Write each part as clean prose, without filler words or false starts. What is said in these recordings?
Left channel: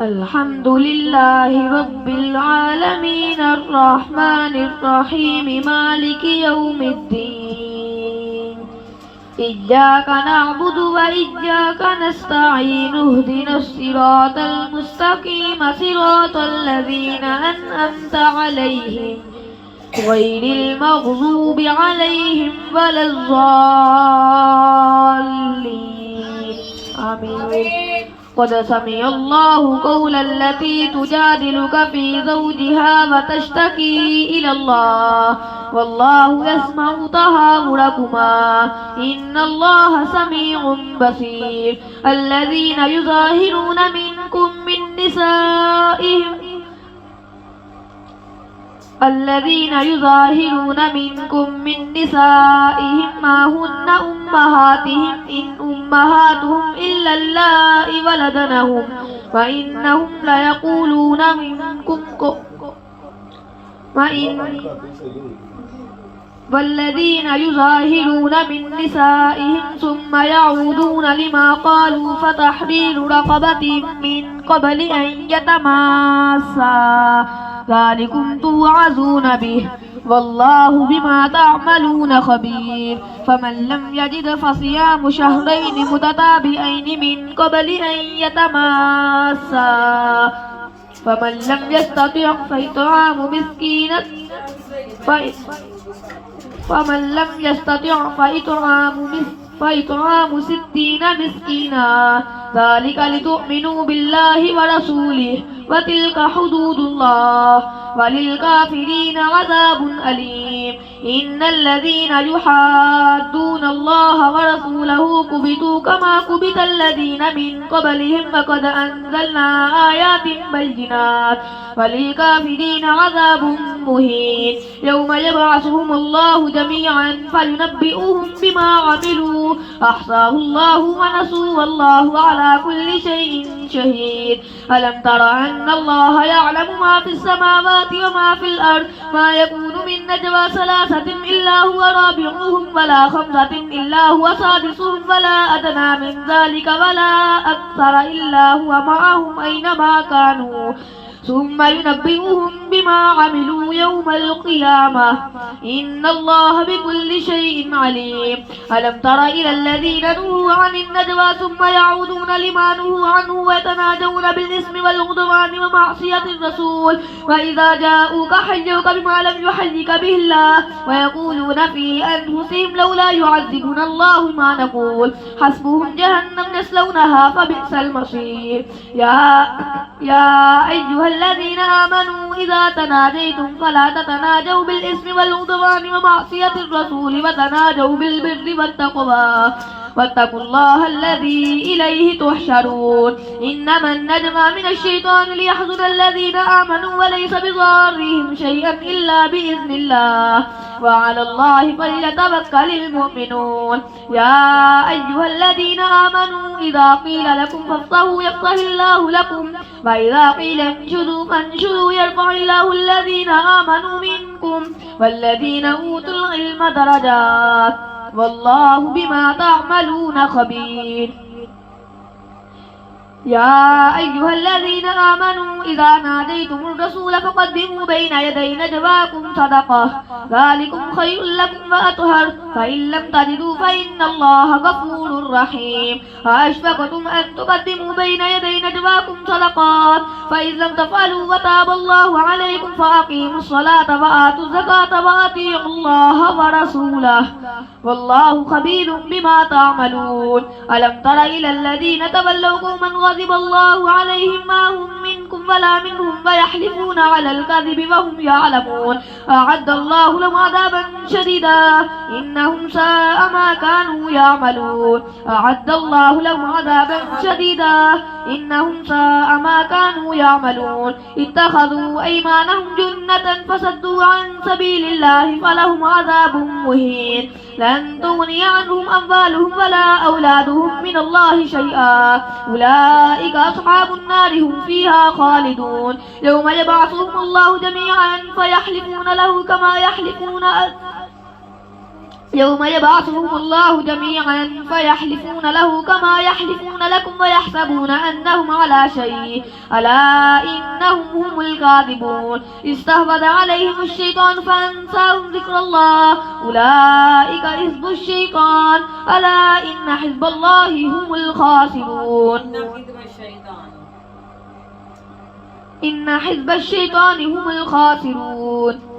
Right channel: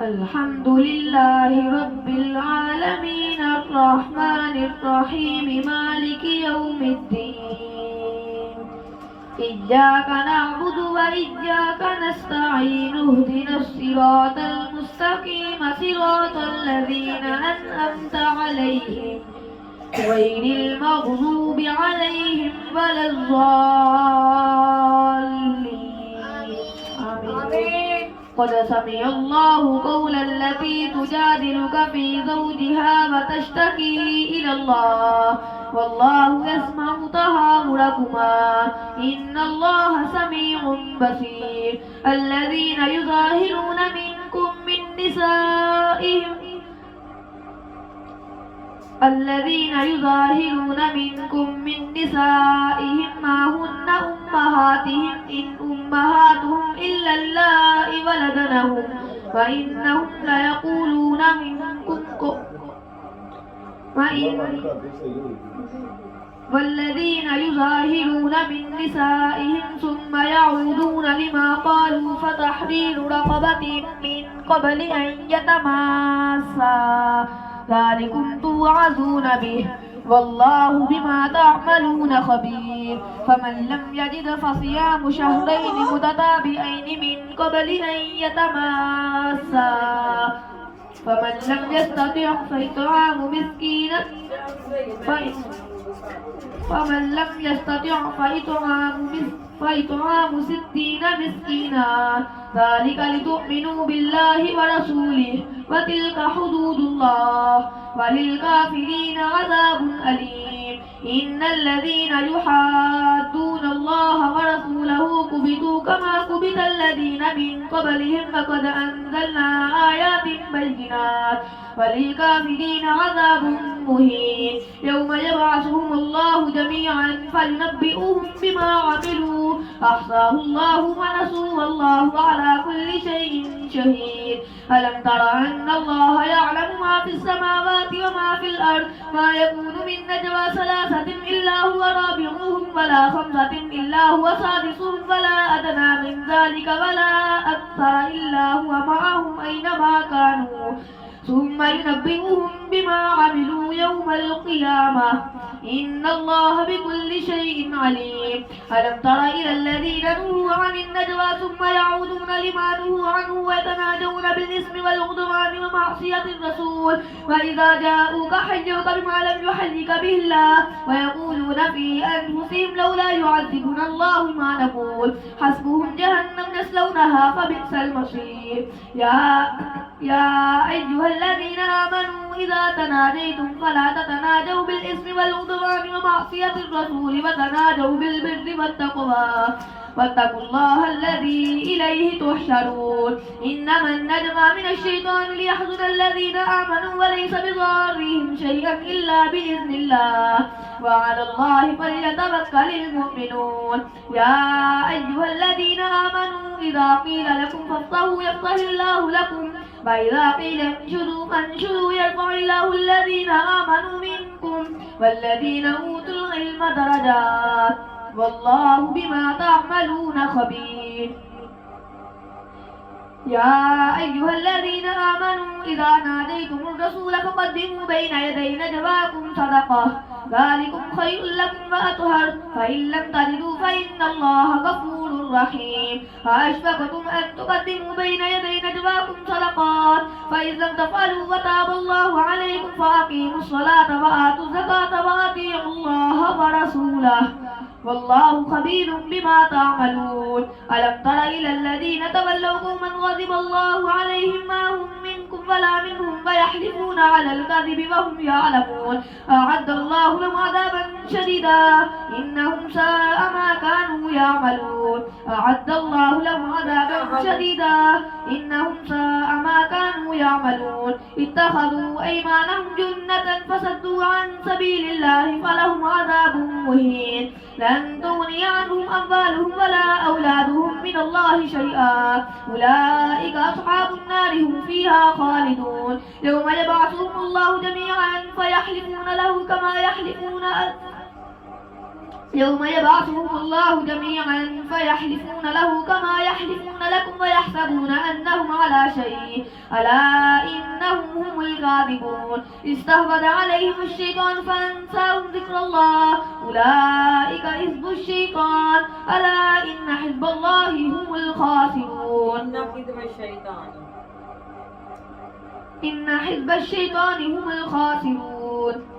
الحمد لله رب العالمين الرحمن الرحيم مالك يوم الدين إياك نعبد وإياك نستعين اهدنا الصراط المستقيم صراط الذين أنعمت عليهم غير المغضوب عليهم ولا الضالين آمين. قد سمع الله قول التي تجادلك في زوجها وتشتكي إلى الله والله يسمع تهاوركما إن الله سميع بصير. الذين يظاهرون منكم من نسائهم ما هن أمهاتهم إن أمهاتهم إلا اللائي ولدنهم وإنهم ليقولون منكم والذين يظاهرون من نسائهم ثم يعودون لما قالوا فتحرير رقبة من قبل أن يتماسا ذلكم توعظون به والله بما تعملون خبير. فمن لم يجد فصيام شهرين متتابعين من قبل أن يتماسا فمن لم يستطع فإطعام 60 مسكينا ذلك لتؤمنوا بالله ورسوله وتلك حدود الله وللكافرين عذاب أليم. إن الذين يحادون الله ورسوله كبتوا كما كبت الذين من قبلهم وقد أنزلنا آيات بينات وللكافرين عذاب مهين. يوم يبعثهم الله جميعا فينبئهم بما عملوا أحصاه الله ونسوه والله على كل شيء شهيد. ألم تر أن الله يعلم ما في السماوات وما في الأرض ما يكون من نجوى ثلاثة إلا هو رابعهم ولا خمسة إلا هو سادسهم ولا أدنى من ذلك ولا أكثر إلا هو معهم أينما كانوا ثم ينبئهم بما عملوا يوم القيامة إن الله بكل شيء عليم. ألم تر إلى الذين نهوا عن النجوى ثم يعودون لما نهوا عنه ويتناجون بالإثم والعدوان ومعصية الرسول وإذا جاءوك حيوك بما لم يحيك به الله ويقولون في أنفسهم لولا يعذبنا الله ما نقول حسبهم جهنم يصلونها فبئس المصير. يا أيها الذين آمنوا إذا تناجيتم فلا تتناجوا بالإثم والعدوان ومعصية الرسول وتناجوا بالبر والتقوى واتقوا الله الذي إليه تحشرون. إنما النجوى من الشيطان ليحزن الذين آمنوا وليس بضارهم شيئا إلا بإذن الله وعلى الله فليتوكل المؤمنون. يا أيها الذين آمنوا إذا قيل لكم فافقهوا يفقه الله لكم وإذا قيل انشدوا فانشدوا يرفع الله الذين آمنوا منكم والذين أوتوا العلم درجات والله بما تعملون خبير. يا أيها الذين آمنوا إذا ناديتم الرسول فقدموا بين يدي نجواكم صدقة ذلكم خير لكم وأطهر فإن لم تجدوا فإن الله غفور رحيم. أأشفقتم أن تقدموا بين يدي نجواكم صدقات فإن لم تفعلوا وتاب الله عليكم فأقيموا الصلاة وآتوا الزكاة وأطيعوا الله ورسوله والله خبير بما تعملون. ألم تر إلى الذين تولوا قوما غضب الله عليهم ما هم منكم ولا منهم ويحلفون على الكذب وهم يعلمون أعد الله لهم عذابا شديدا إنهم ساء ما كانوا يعملون. أعد الله لهم عذابا شديدا إنهم ساء ما كانوا يعملون. اتخذوا أيمانهم جنة فصدوا عن سبيل الله فلهم عذاب مهين. لن تغني عنهم أموالهم ولا أولادهم من الله شيئا أولئك أصحاب النار هم فيها خالدون. يوم يبعثهم الله جميعا فيحلفون له يوم يبعثهم الله جميعا فيحلفون له كما يحلفون لكم ويحسبون أنهم على شيء ألا إنهم هم الكاذبون استحوذ عليهم الشيطان فأنساهم ذكر الله أولئك حزب الشيطان ألا إن حزب الله هم الخاسرون إن حزب الشيطان هم الخاسرون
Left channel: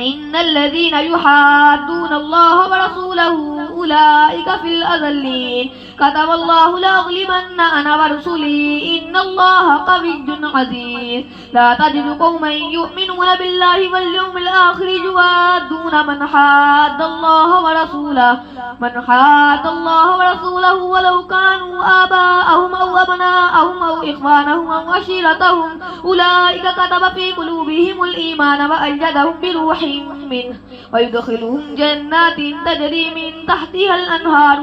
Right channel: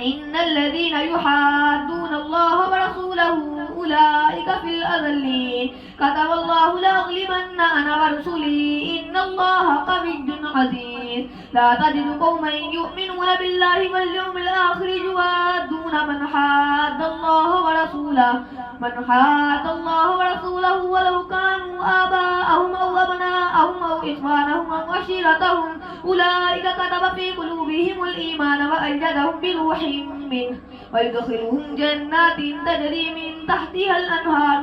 إن الذين يحادون الله ورسوله أولئك في الأذلين كتب الله لأغلبن أنا ورسلي إن الله قوي عزيز لا تجد قوما يؤمنون بالله واليوم الآخر يوادون من حاد الله ورسوله ولو كانوا آباءهم أو أبناءهم أو إخوانهم أو عشيرتهم أولئك كتب في قلوبهم الإيمان وأيدهم بروح منه ويدخلهم جنات تجري من تحتها الأنهار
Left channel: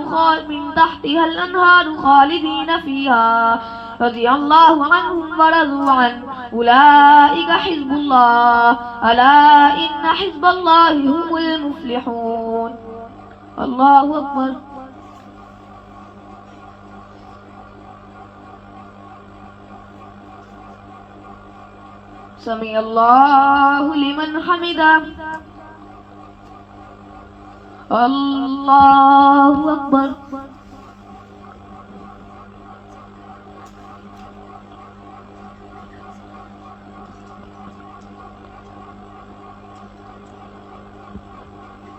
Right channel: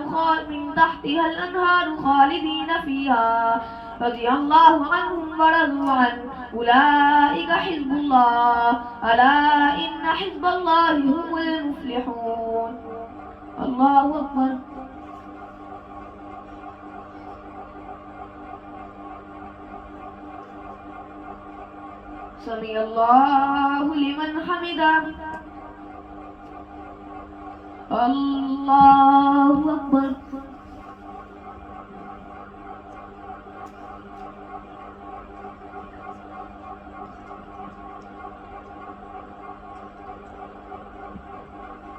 خالدين فيها رضي الله عنهم ورضوا عنه أولئك حزب الله ألا إن حزب الله هم المفلحون. الله أكبر. سمع الله لمن حمده. الله أكبر.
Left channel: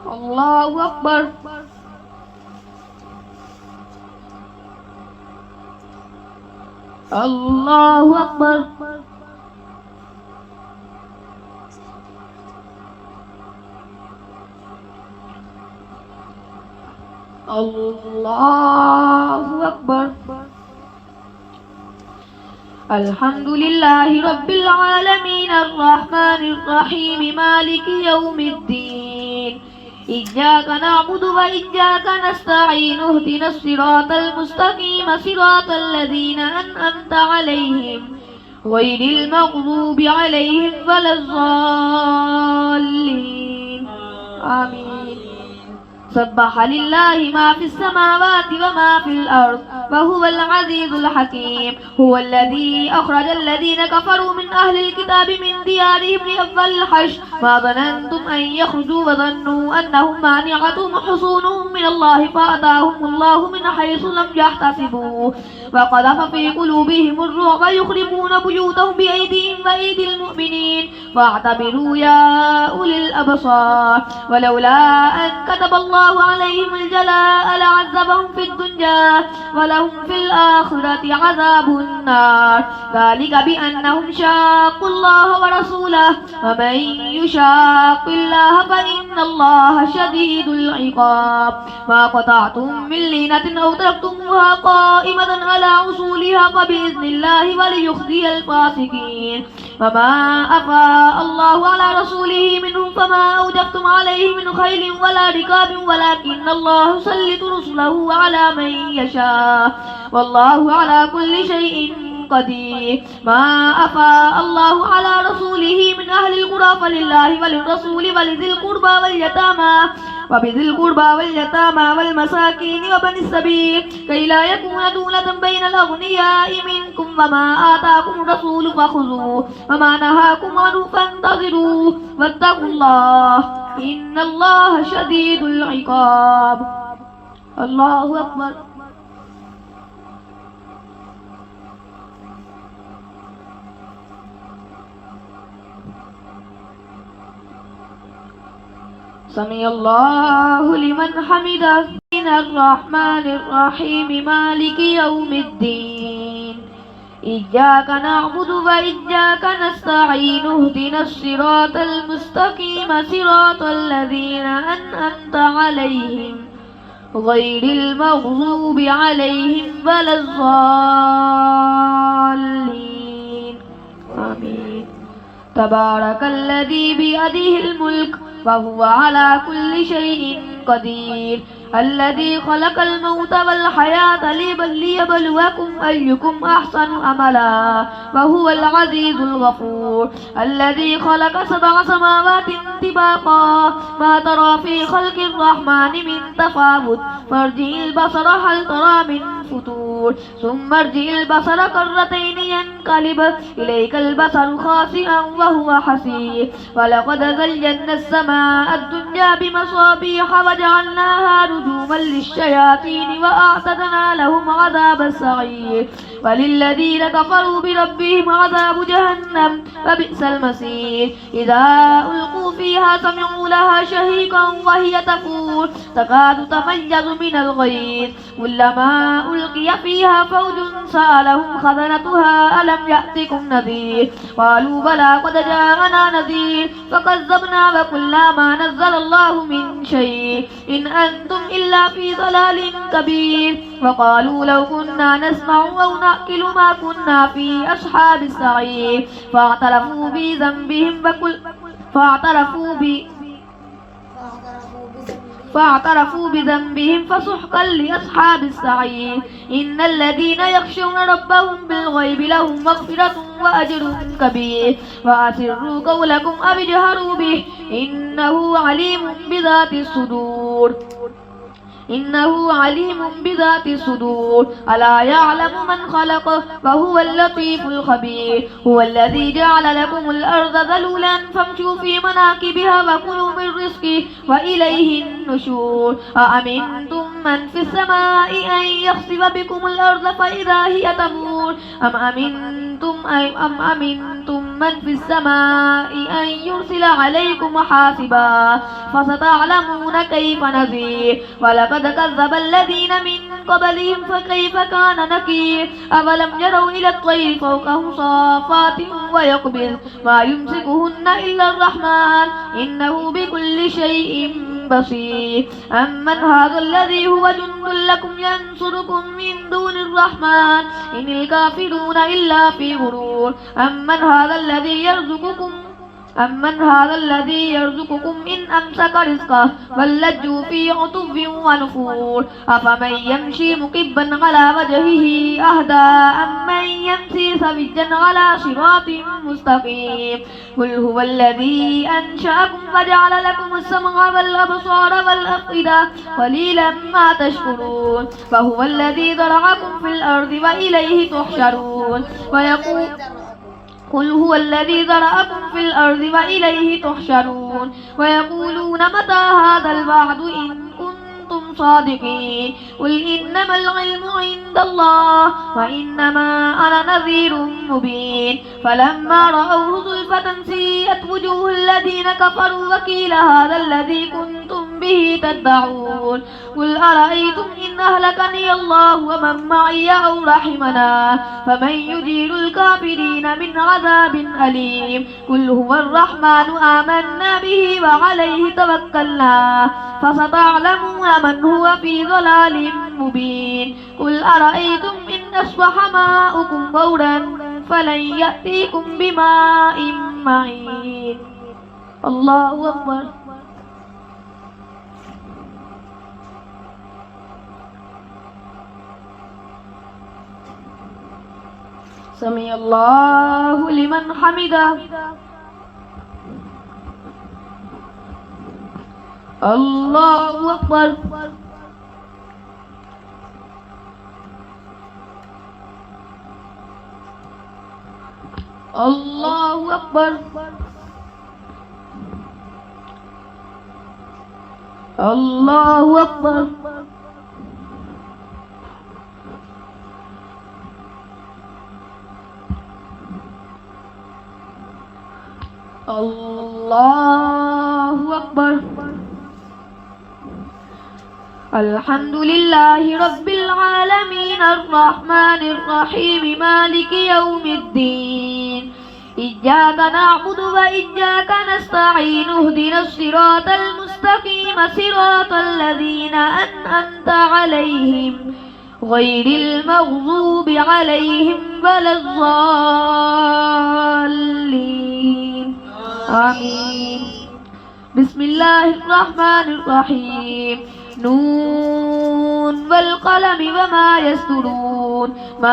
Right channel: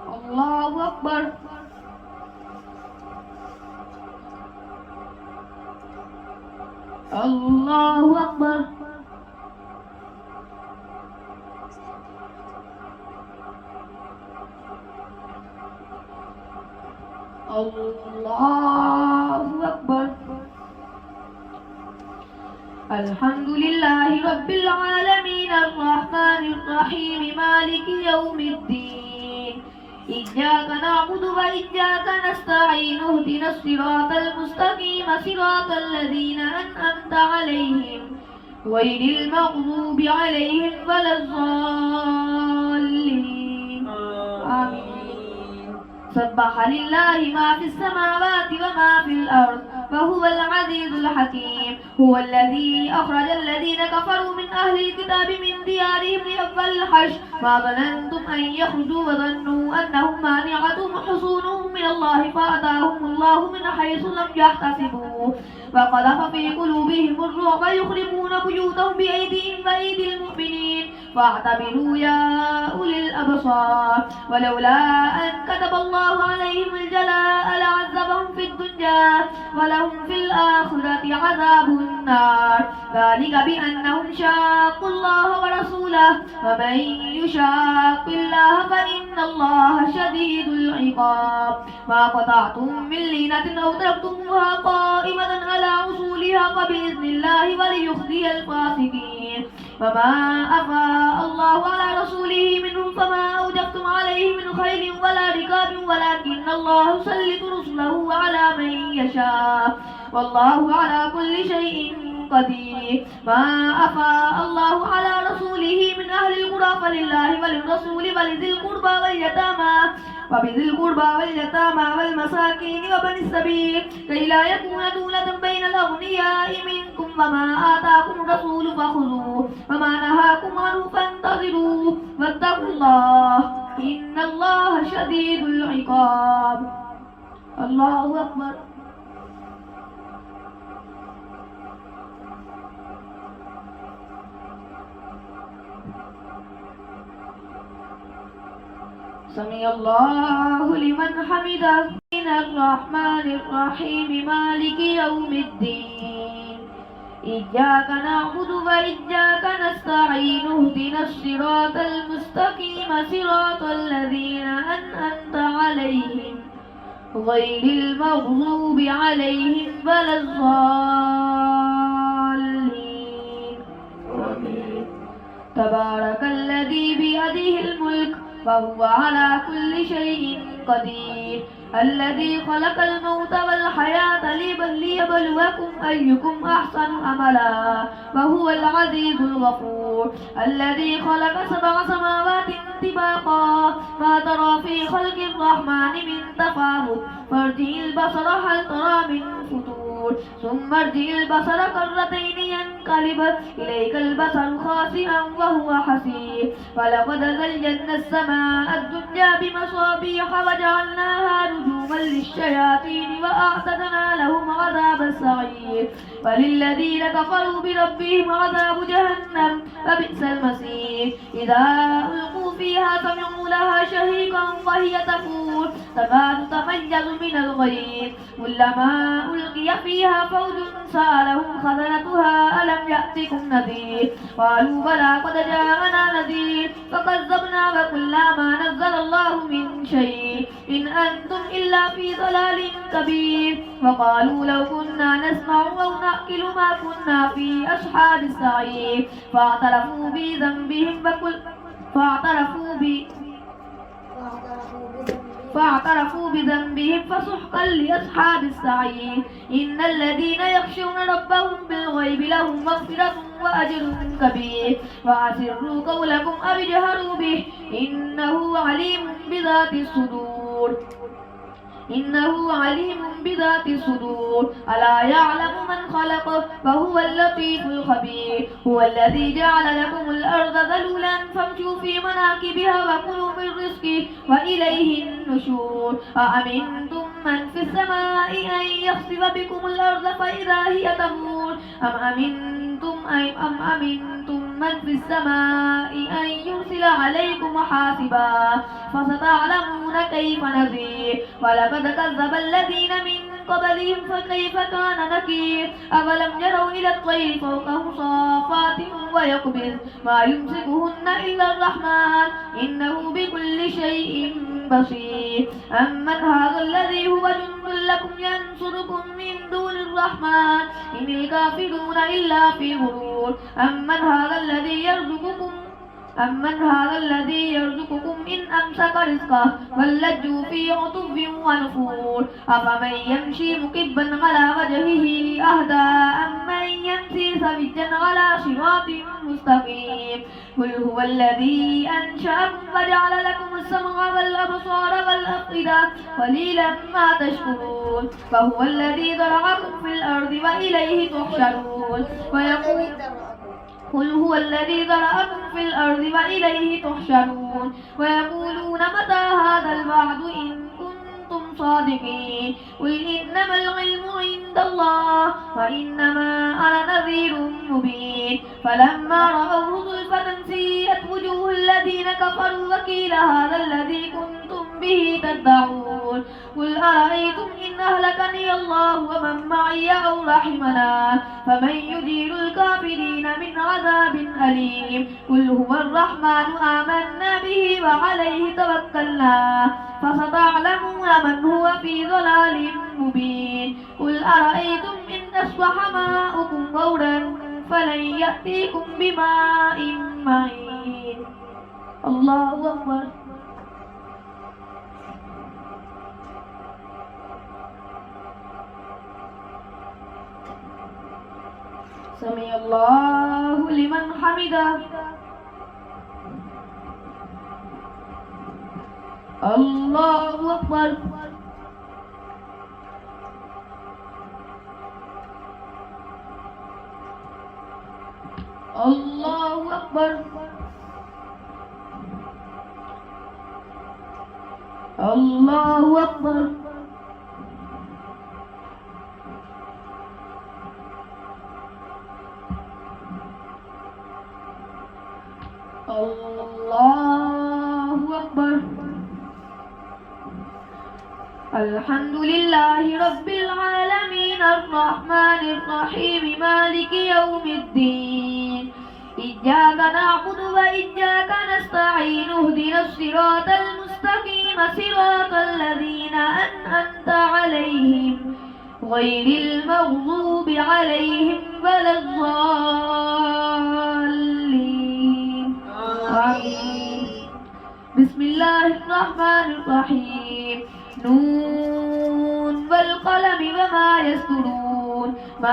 الله أكبر. الله أكبر. الله أكبر. الحمد لله رب العالمين الرحمن الرحيم مالك يوم الدين إياك نعبد وإياك نستعين اهدنا الصراط المستقيم صراط الذين أنعمت عليهم غير المغضوب عليهم ولا الضالين آمين. سبح لله ما في السماوات وما في الأرض وهو العزيز الحكيم. هو الذي أخرج الذين كفروا من أهل الكتاب من ديارهم لأول الحشر ما ظننتم أن يخرجوا وظنوا أنهم مانعتهم حصونهم من الله فأتاهم الله من حيث لم يحتسبوا وقذف في قلوبهم الرعب يخربون بيوتهم بأيديهم وأيدي المؤمنين فاعتبروا يا أولي الأبصار. ولولا أن كتب الله عليهم الجلاء لعذبهم في الدنيا ولهم في الآخرة عذاب النار ذلك بأنهم شاقوا الله ورسوله ومن يشاق الله فإن الله شديد العقاب. ما قطعتم من لينة أو تركتموها قائمة على أصولها فبإذن الله وليخزي الفاسقين. وما أفاء الله على رسوله منهم فما أوجفتم عليه من خيل ولا ركاب ولكن الله يسلط رسله على من يشاء والله على كل شيء قدير. ما أفاء الله على رسوله من أهل القرى فلله وللرسول ولذي القربى واليتامى والمساكين وبني السبيل كي لا يكون دولة بين الأغنياء منكم وما آتاكم الرسول فخذوه وما نهاكم عنه فانتظروا واتقوا الله إن الله شديد العقاب. الله أكبر. سمع الله لمن حمده. الرحمن الرحيم مالك يوم الدين إياك نعبد وإياك نستعين اهدنا الصراط المستقيم صراط الذين أنعمت عليهم غير المغضوب عليهم ولا الضالين آمين. تبارك الذي بيده الملك وهو على كل شيء قدير الذي خلق الموت والحياة ليبلوكم أيكم أحسن عملا وهو العزيز الغفور الذي خلق 7 سماوات طباقا ما ترى في خلق الرحمن من تفاوت فارجع البصر هل ترى من فتور ثم ارجع البصر كرتين ينقلب إليك البصر خاسئا وهو حسير ولقد زينا السماء الدنيا بمصابيح وجعلناها رجوما للشياطين وأعتدنا لهم عذاب السعير وللذين كفروا بربهم عذاب جهنم وبئس المصير إذا ألقوا فيها سمعوا لها شهيقا وهي تفور تكاد تميز من الغيظ كلما ألقي فيها فوج سألهم خزنتها ألم يأتكم نذير قالوا بلى قد جاءنا نذير فكذبنا وقلنا ما نزل الله من شيء إن أنتم إلا في ضلال كبير وقالوا لو كنا نسمع أو نأكل ما كنا في أصحاب السعير فاعترفوا بذنبهم فاعترفوا بذنبهم فسحقا لأصحاب السعير إن الذين يخشون ربهم بالغيب لهم مغفرة وأجر كبير وأسروا قولكم أو اجهروا به إنه عليم بذات الصدور ألا يعلم من خلق وهو اللطيف الخبير هو الذي جعل لكم الأرض ذلولا فامشوا في مناكبها وكلوا من رزقه وإليه النشور أأمنتم من في السماء أن يخسف بكم الأرض فإذا هي تمور أم أمنتم من في السماء أن يرسل عليكم حاسبا فستعلمون كيف نذير ولقد كذب الذين من قبلهم فكيف كان نكير أولم يروا إلى الطير فوقهم صافات ويقبل ما يمسكهن إلا الرحمن إنه بكل شيء بصير أمن هذا الذي هو جند لكم ينصركم من دون الرحمن إن الكافرون إلا في غرور أمن هذا الذي يرزقكم إن أمسك رزقه بل لجوا في عتو ونفور أفمن يمشي مكبا على وجهه أهدى أمن يمشي سويا على صراط مستقيم قل هو الذي أنشأكم وجعل لكم السمع والأبصار والأفئدة قليلا ما تشكرون فهو الذي ذرأكم في الأرض وإليه تحشرون قل هو الذي ذرأكم في الأرض وإليه تحشرون ويقولون متى هذا الوعد إن كنتم صادقين قل إنما العلم عند الله وإنما أنا نذير مبين فلما رأوه زلفة سيئت وجوه الذين كفروا وقيل هذا الذي كنتم به تدعون قل أرأيتم إن أهلكني الله ومن معي أو رحمنا فمن يجير الكافرين من عذاب أليم قل هو الرحمن آمنا به وعليه توكلنا فستعلمون من هو في ضلال مبين قل أرأيتم إن أصبح ماؤكم غورا فلن يأتيكم بماء معين الله أكبر سمع الله لمن حمده الله أكبر الله أكبر الله أكبر الله أكبر الحمد لله رب العالمين الرحمن الرحيم مالك يوم الدين إياك نعبد وإياك نستعين اهدنا الصراط المستقيم صراط الذين أنعمت عليهم غير المغضوب عليهم ولا الضالين آمين بسم الله الرحمن الرحيم نون والقلم وما يسطرون ما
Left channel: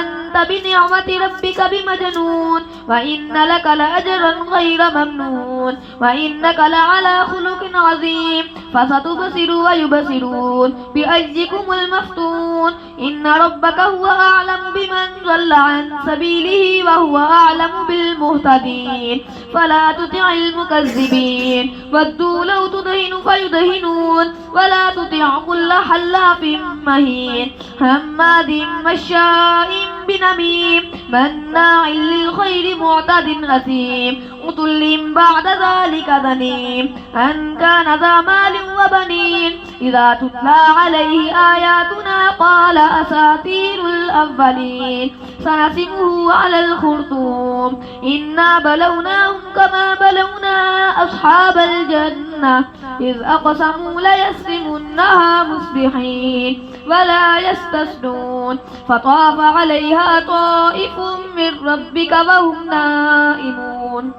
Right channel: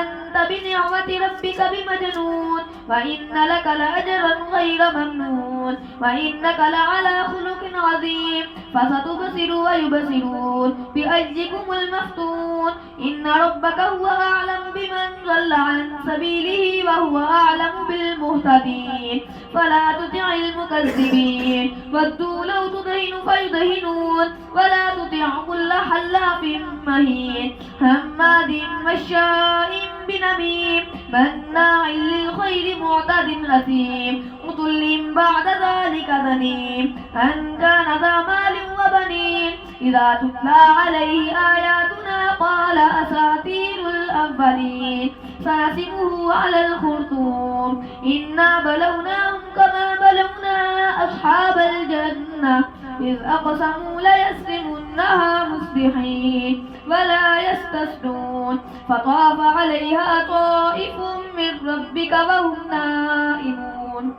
أنت بنعمة ربك بمجنون وإن لك لأجرا غير ممنون وإنك لعلى خلق عظيم فستبصر ويبصرون بأيكم المفتون إن ربك هو أعلم بمن ضل عن سبيله وهو أعلم بالمهتدين فلا تطع المكذبين ودوا لو تدهن فيدهنون ولا تطع كل حلاف مهين هماز مشاء بنميم مناع للخير معتد أثيم عتل بعد ذلك ذنيم أن كان ذا مال وبنين إذا تتلى عليه آياتنا قال أساطير الأولين سنسمه على الخرطوم إنا بلوناهم كما بلونا أصحاب الجنة إذ أقسموا ليسرمنها مصبحين ولا يستثنون فطاف عليها طائف من ربك وهم نائمون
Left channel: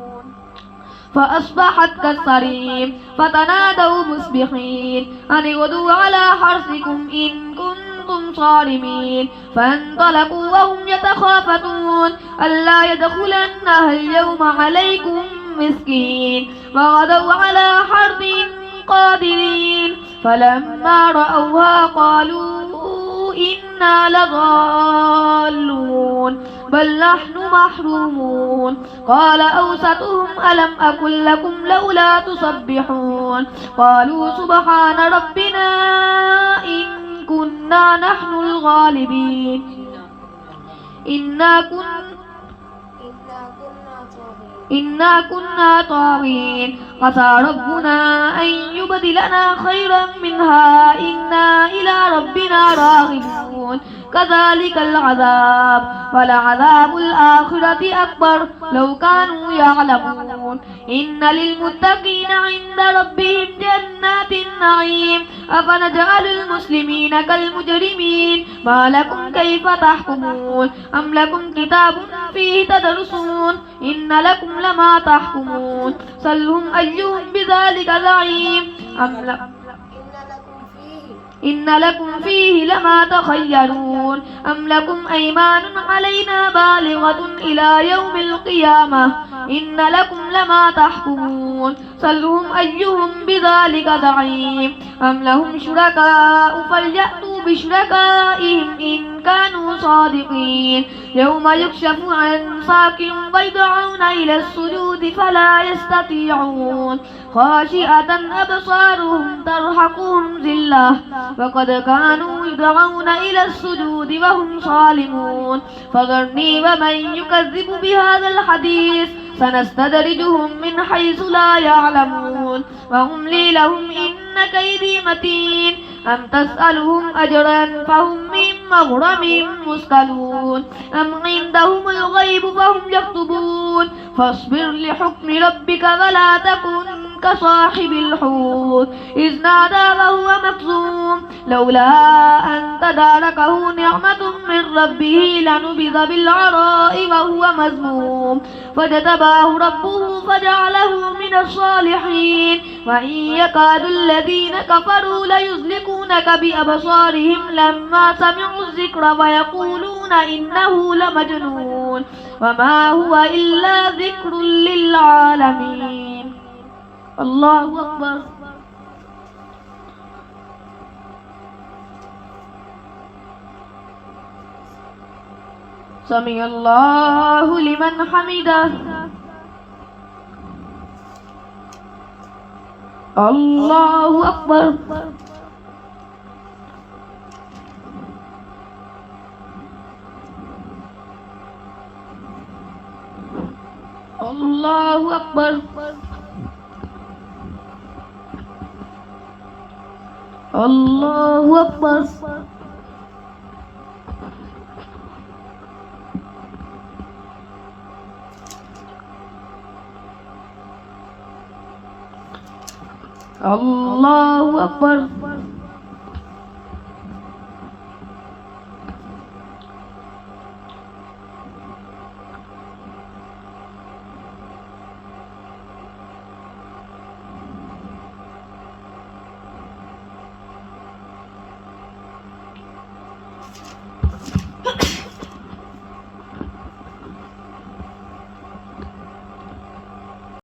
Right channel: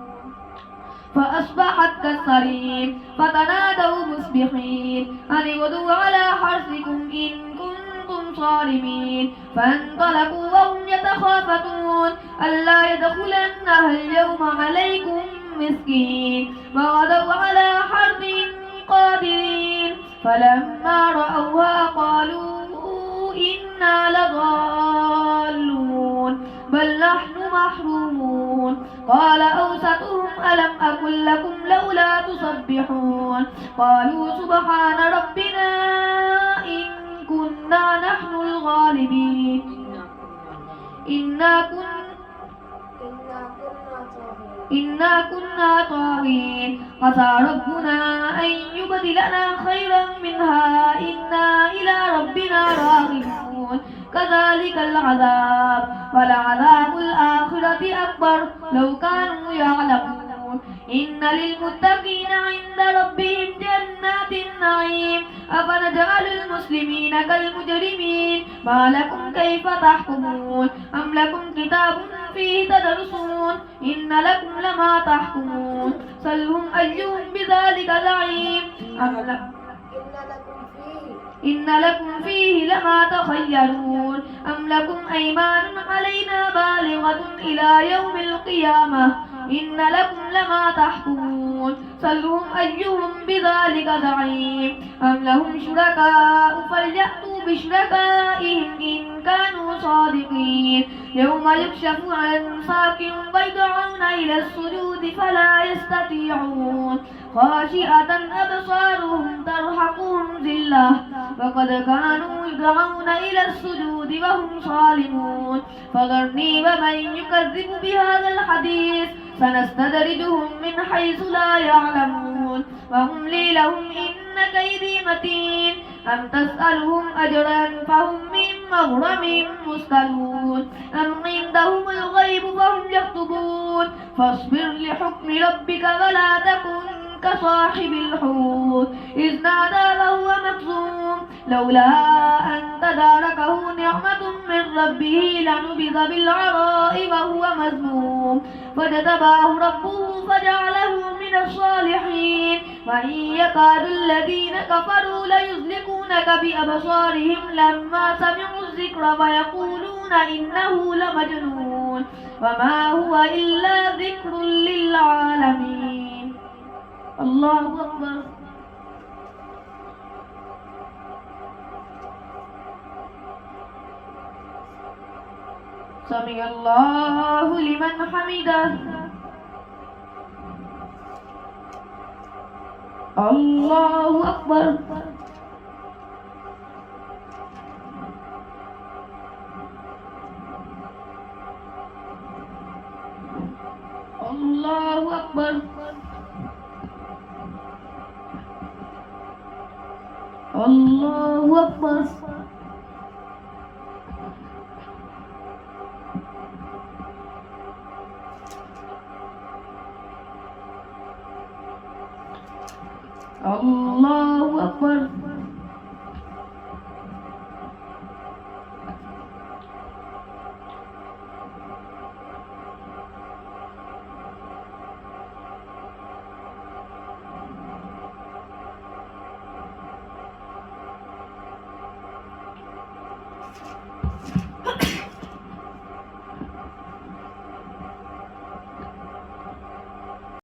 فأصبحت كالصريم فتنادوا مصبحين أن اغدوا على حرثكم إن كنتم صارمين فانطلقوا وهم يتخافتون ألا يدخلنها اليوم عليكم مسكين وغدوا على حرد قادرين فلما رأوها قالوا إنا لضالون بل نحن محرومون قال أوسطهم ألم أقل لكم لولا تسبحون قالوا سبحان ربنا إن كنا نحن الغالبين إنا كنا طاغين عسى ربنا أن يبدلنا خيرا منها إنا إلى ربنا راغبون كذلك العذاب ولعذاب الآخرة أكبر لو كانوا يعلمون إن للمتقين عند ربهم جنات النعيم أفنجعل المسلمين كالمجرمين ما لكم كيف تحكمون أم لكم كتاب فيه تدرسون إن لكم لما تحكمون سلهم أيهم بذلك زعيم إن لكم فيه لما تخيرون أم لكم أيمان علينا بالغة إلى يوم القيامة إن لكم لما تحكمون سلهم أيهم بذلك زعيم أم لهم شركاء فليأتوا بشركائهم إن كانوا صادقين يوم يكشف عن ساق ويدعون إلى السجود فلا يستطيعون خاشعة أبصارهم ترهقهم ذلة وقد كانوا يدعون إلى السجود وهم صالمون فذرني ومن يكذب بهذا الحديث سنستدرجهم من حيث لا يعلمون وأملي لهم إن كيدي متين أم تسألهم أجرا فهم من مغرم مثقلون أم عندهم الغيب فهم يكتبون فاصبر لحكم ربك ولا تكن كصاحب الحوت إذ نادى وهو مكظوم لولا أن تداركه نعمة من ربه لنبذ بالعراء وهو مذموم فاجتباه ربه فجعله من الصالحين وإن يكاد الذين كفروا ليزلقونك بأبصارهم لما سمعوا الذكر ويقولون إنه لمجنون وما هو إلا ذكر للعالمين الله أكبر سمع الله لمن حمده الله أكبر الله أكبر الله أكبر الله أكبر